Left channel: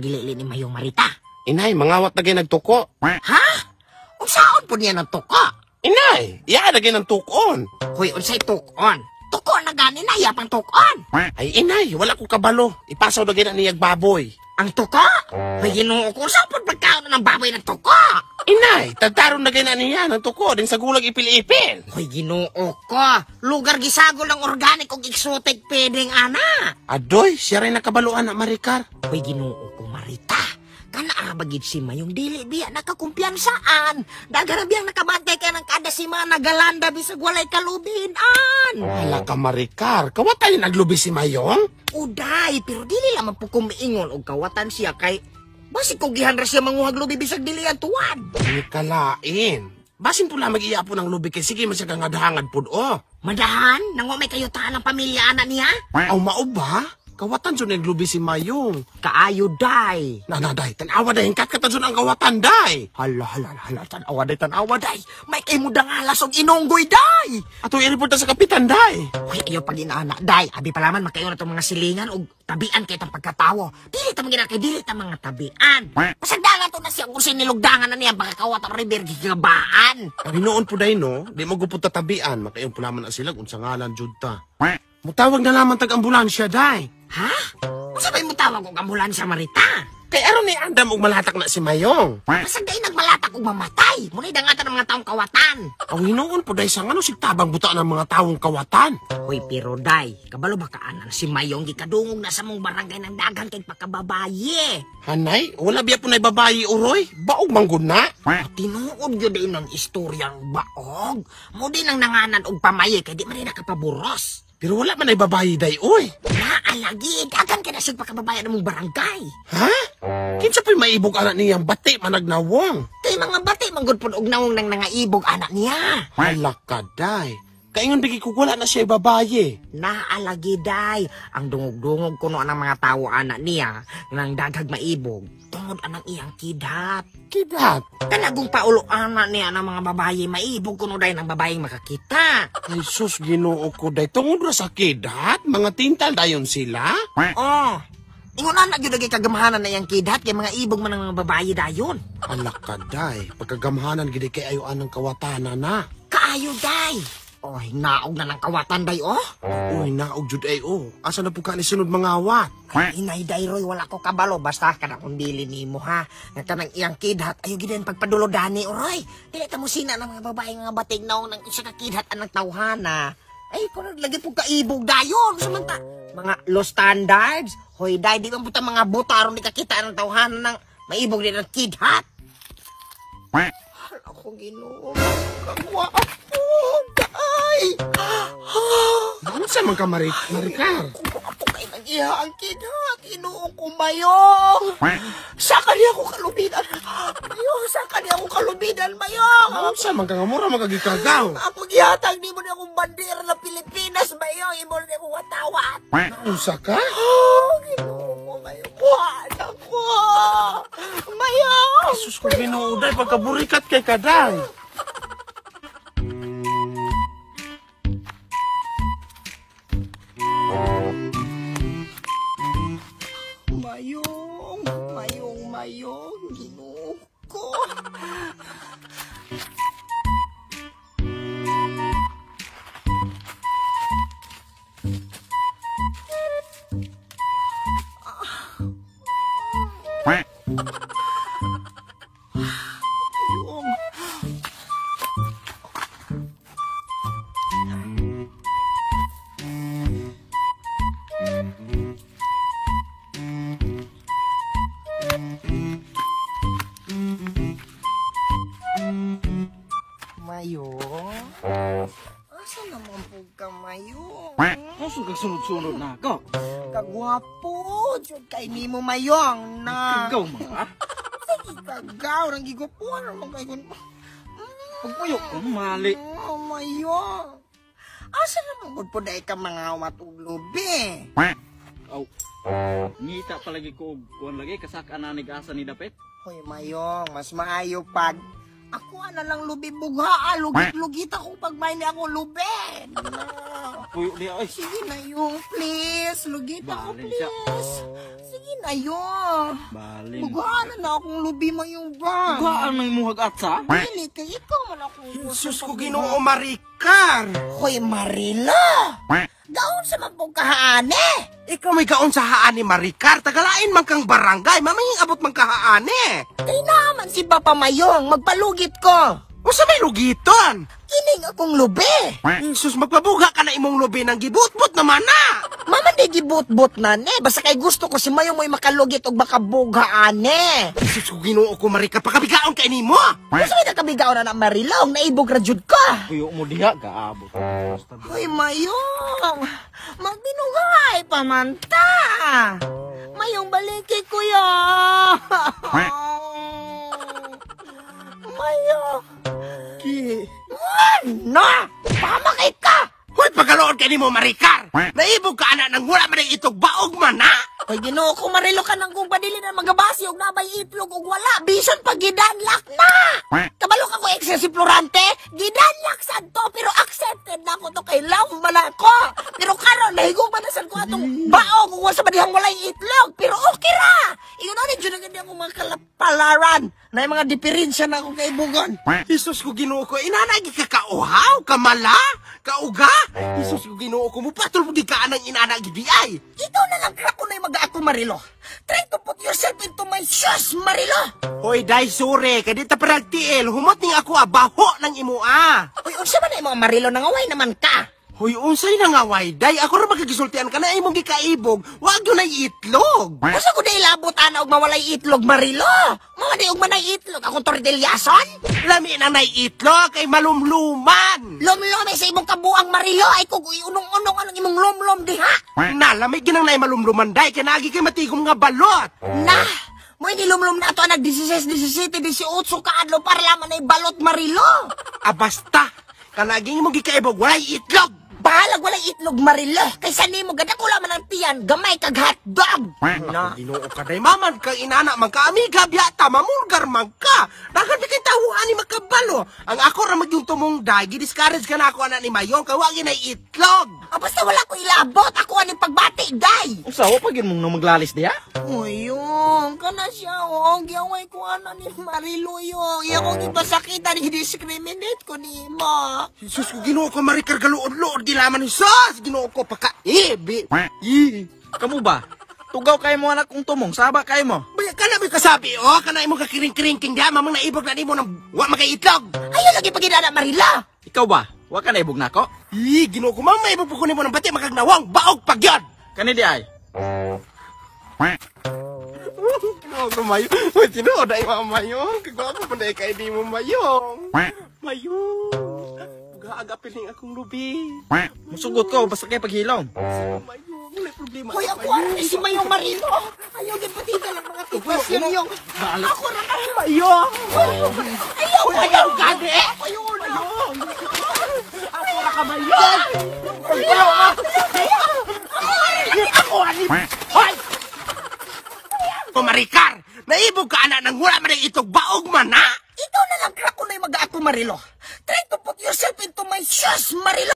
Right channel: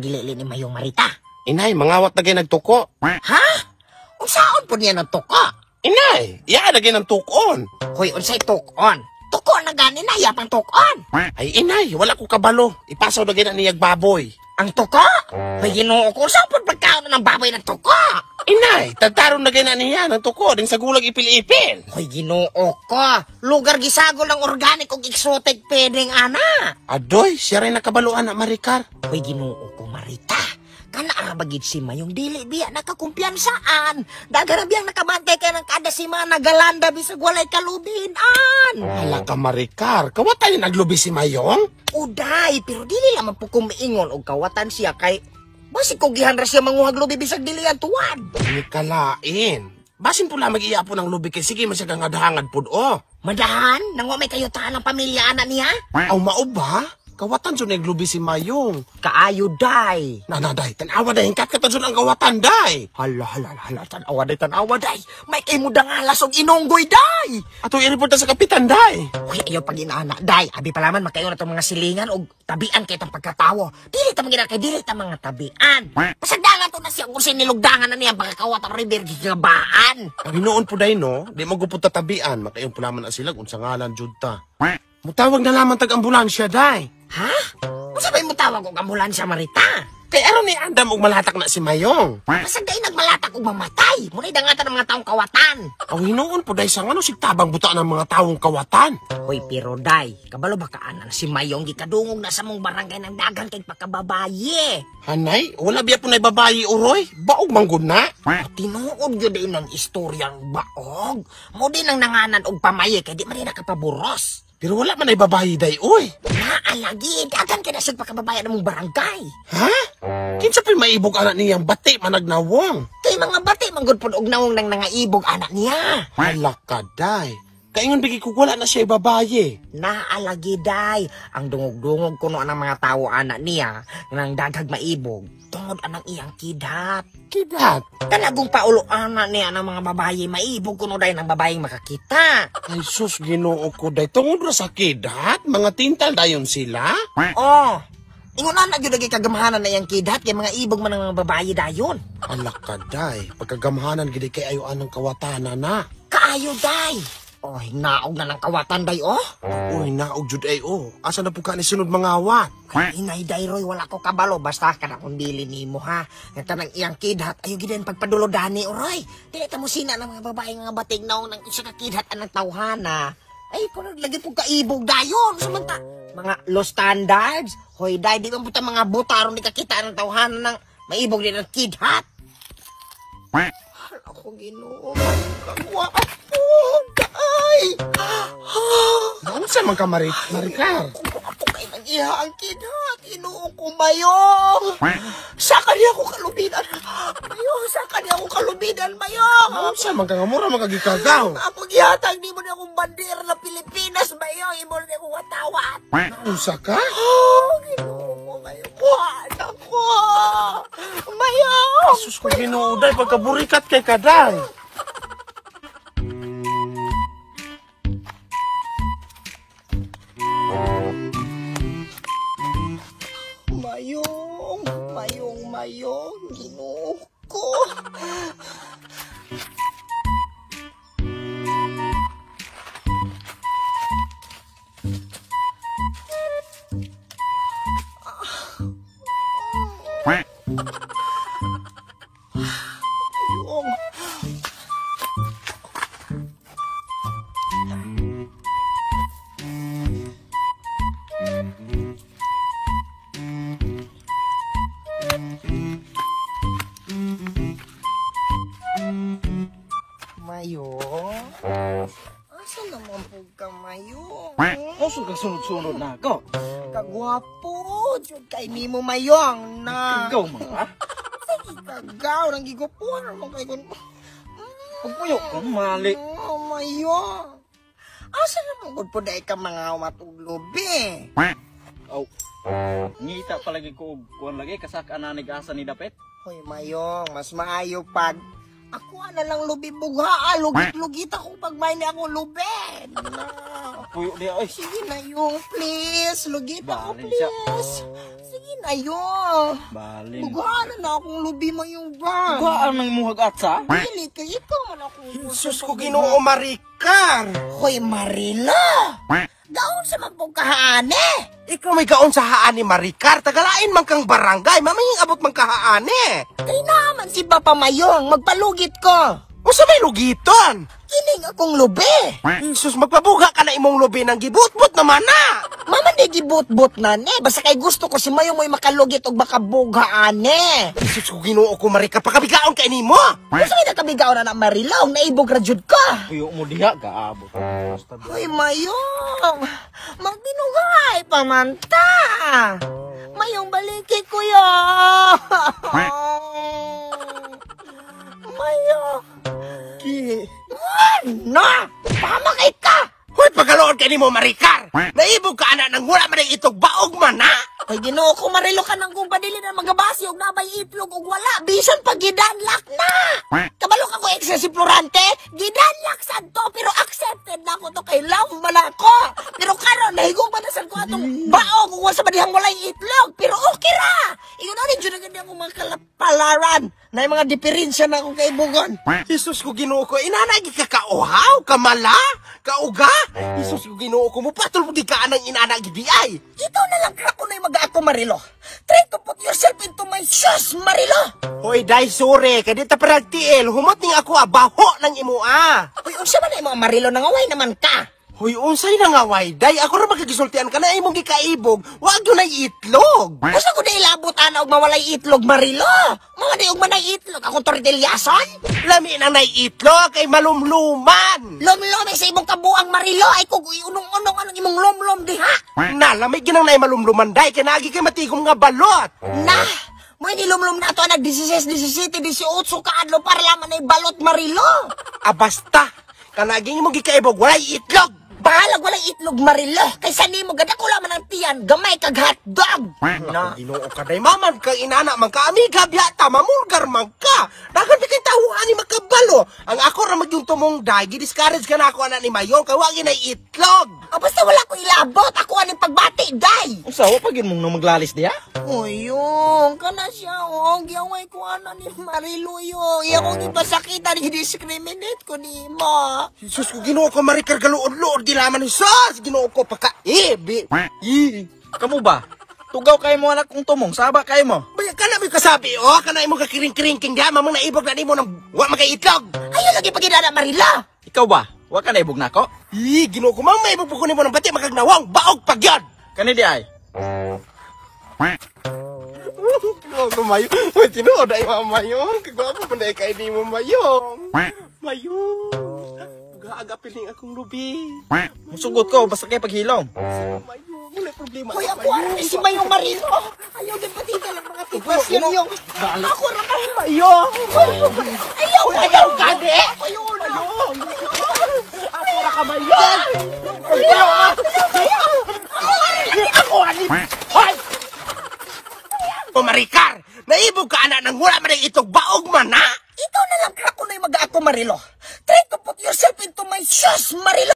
ang gilili ni Mayong Marita. Inay, mangawat na kayo nagtuko. Ha? Unsaon po niya ng tuka? Inay, iya na kayo ng tukon. Hoy, unsay tukon? Tuko na gani na, yapang tukon. Ay, inay, wala ko kabalo. Ipasaw na kayo na niyag baboy. Ang tuka? May Ginoo ko, saan po pagkaon ng baboy ng tuka? Inay, tataron na kayo na niya ng tuko din sa gulag ipil-ipil. Hoy, Ginoo ko. Lugar gisago lang organic ug exotic pedeng ana. Adoy, siya rin nakabaluan na Maricar. Hoy, Ginoo ko, Marita. Kana arabagid si Mayong dili biya nakakumpiyansaan. Dagara biyang nakabantay ka ng kada si mga nagalanda bisag walay kalubinan. Hala ka Maricar, kawatan yung naglubi si Mayong? Uday, pero dili lamang po kumiingon og kawatan siya kay basi kugihan ra siya manguhag lubi bisag dili atuan. Ay kalain. Basin po lang mag-iya po ng lubi kay sige masya kang adhangan po o. Madahan? Nang may kayutaan ng pamilya ana niya? Aw mao ba? Kawatan dyan naglubi si Mayong. Kaayo, day. Day, tanawa day, hingkat ka dyan ang kawatan, day. Hala, tanawa, day. May kay mudang alas og inonggoy, day. Ato i-report sa kapitan, day. Uy, ayaw pag inaana, day. Abi palaman, makayo na itong mga silingan o tabian kay itong pagkatawo. Dili ta mga kay dili ta mga tabian. Pasagdangan to na siya kung sinilugdangan na niya, baka kawatang river gigabaan. Ang hinoon po, day, no? Di magupot ta tabian, makayong pulaman na sila kung sa ngalan, jud ta. Mutawag na naman tag-ambulansya, day. Ha? Masabay mo tawag og ambulansya, Marita? Kay aron ni andam og malatak na si Mayong. Pasagday nagmalatak og mamatay. Muna'y dangatan ng mga taong kawatan. Ang hinoon po, day, sa ngano sigtabang buta ng mga taong kawatan. Hoy, pero day, kabalo ba kaanan si Mayong gikadungog na sa mong barangay ng dagang kay pagkababaye. Hanay, wala biya po na babayi, uroy. Baog manggod na. Tinuod yun din ng istoryang baog. Mo din ang nanganan og pamaye kay di man rin nakapaburos. Pero wala man ay babayi, day, uy. Naalagi, dagan ka na siya pagkababayan ng mong barangay. Ha? Kinsa pa'y maibog anak niyang bati managnawang? Kay mga bati, manggod po og nawong nang nangaibog anak niya. Hala ka, day. Kaingon bigi ko wala na siya babaye. Naalagi, day. Ang dungog-dungog kuno ng mga tao anak niya nang daghag maibog. Tungod anang iyang kidhat. Kidhat? Kanagong paulo anak niya ng mga babaye maibog kuno day ng babayeng makakita. Ay sus, Ginoo ko, day. Tungod ra sa kidhat? Mga tintal dayon sila? Oh. Ingon na gyud lagi kagamahanan na iyang kidhat kay mga ibog man ng mga babaye dayon. Hala ka, day. Pagkagamhanan gid kay ayo anang kawatanan na. Kaayo, day. Oy, naog na ng kawatan, day, oh. Uy, naog jud ay, oh. Asa na po ka ni sunod mga awat? Inay, day, Roy, wala ko kabalo. Basta ka na kung dili nimo, ha. Nagtanang iyang kidhat, ayaw gidan pagpadulodani, oh, Roy. Dili ta mo sina ng mga babae nga batig naong ng isa ka kidhat anang tawhana. Ay, kung naglagay po kaibog, dayon. Samanta, mga low standards. Hoy, day, di man puta mga buta aron di kakita ng tawhana ng maibog din ng kidhat. Ako, Ginoo. Ano sa mga Maricar? Ako kay nag-iha ang kidhat. Ginoo ko, Mayong. Sa kanya ko kalubidan. Mayong, sa kanya ko kalubidan, Mayong. Ano sa mga mura magagikagaw? Ako gihatag, di mo na akong bandera ng Pilipinas, Mayong. Imo na akong watawat. Ano sa ka? Oh, Ginoo ko, Mayong. Buhat ako. Mayong. Sus ko, Ginoo, day. Pagkaburikat kay kaday. Mayong, Ginoo ko. Mayong? Asa naman po ka, Mayong? Asa ka sunod-sunod na ako? Kagwapo, jud kay nimo, Mayong, na. Ikaw mga? Kagaw, nang gigupuan mo kay kun. Pagpuyok ka, mali. Oh, Mayong. Asa naman po dahil ka mga matuglobi? Oh. Ngita palagi ko kuan lagi kasak ananig asa ni dapet. Hoy, Mayong, mas maayo pag ako na lang lubi buga, lugit-lugit ako pag may na ako lubi. puyo diya oy. Sige na yung, please. Lugita ko, Balin siya. please. Sige na yung. Balin. Gana na akong lubi mo yung bag. Gaan nang muhag atsa? Dili ka, ikaw man ako. Jesus ko Ginoo Maricar. Hoy, Marilo. Daon sa magpugkahaane. Ikaw may kaon sa haan ni Maricar. Tagalain man kang barangay. Maminging abot man kahaane. Kaya naman si Papa Mayong, magpalugit ko. O sa may lugiton. Kinig akong lubi. Jesus, magpabuga ka na imong lubi ng gibut-but naman na. Mama, di gibut-but na ne. Basta kay gusto ko si Mayong mo'y makalugit o makabughaane. Jesus ko Ginoo ko Maricar. Pakabigaon kay nimo. Basta kay nakabigaw na ng Marilaw, naibog radyod ka. Puyo mo diya, gaabot. Hoy, Mayong, magbinugay pa man ta. Mayong baliki kuya. Mayong. Na! Pamakit ka! Hoy, pagaloon kay nimo Maricar. Naibog ka ana nang wala man itog baog man na. Hoy, Ginoo ko Marilo ka nang kung padili na magabasi og nabay itlog og wala. Bisan pag gidanlak na! Kabalo ka ko excessive florante, gidanlak sad to pero accepted na ko to kay love man ako. Pero karon nahigog man na sad ko atong baog ug sa badihang walay itlog pero okay ra. Ino ni jud nga ako mga kalapalaran. Na mga diferensya na ako kay Bugon. Jesus ko Ginoo ko, inanagi ka kauhaw, kamala, kauga. Jesus ko Ginoo ko, mupatol mo di ka anang inanagi di ay. Ito na lang ako na yung mag-ato Marilo. Try to put yourself into my shoes, Marilo. Hoy, day sure, kay dita paragtiel, humating ako abaho ng imua. Uy, kung siya man na yung mga Marilo, nangaway naman ka. Hoy, unsay na nga way, day, ako ra magigisultian ka na imong gikaibog, wag yun ay itlog. Gusto ko na ilabutan og mawalay itlog, Marilo. Mawalay og manay itlog. Akong tortilyason. Lami na nay itlog, kay malumluman. Lom-lom sa imong kabuang Marilo. Ay kung unong-unong ang imong lom-lom diha. Na, lami ginang nay malumluman, day, kay nagi kay matigom nga balot. Nah, mo ini lom-lom na to nag 16, 17, 18 kaadlo para laman ay balot, Marilo. Basta, kanaging imong gikaibog, walay itlog. Bahalag walay itlog, Marilo. Kaysa nimo gadak ko laman ang tiyan, gamay kag hotdog. Na, Ginoo ka day, maman ka inana man ka, amiga biyata, mamulgar man ka. Dagan di kay tahuan ni makabalo. Ang ako ra magyung tumong day, gidiscourage ka na ako anak ni Mayong, kay wagi na itlog. Basta wala ko ilabot. Ako ani pagbati, day. Usawa pagin mong nang maglalis diya? Uyong, kana siya, oh. Giyaway ko ana ni Marilo, yung. Iyakong ipasakita ni discriminate ko ni mo. Jesus ko Ginoo ko Maricar galuod-luod di laman ni sus. Ginoo ko pagka Kamu ba? Tugaw kayo mo anak kong tumong, saba kayo mo. Baya ka na may kasabi, oh, ka na imong kakiring-kiring diya, mamang naibog na di mo nang wa magaitlog. Ayun lagi pagidana, Marilo. Ikaw ba? Wa ka na ibog na ako? Ginoo ko, mamang maibog ko ni mo ng bati magagnawang baog pagyan. Kani di ay? Ginoo ko Mayong, matinood ay Mayong, kagwapo pa na kay di mo Mayong. Mayong, gaagapiling akong lubi. Musugot ko, basta kayo paghilom. Wala problema. Hoy, ako ara ni si Mayong Marilo. Ayaw din patita lang ang ating Marilo. Ako ra kay Mayong. Ayaw gani. Mayong. Ako ra ka Mayong. Ako ani. Hoy! O Maricar, naibog ka anak nang wala man itog baog man na. Ito na lang ako na yung mag-ato Marilo. Try to put yourself into my shoes, Marilo.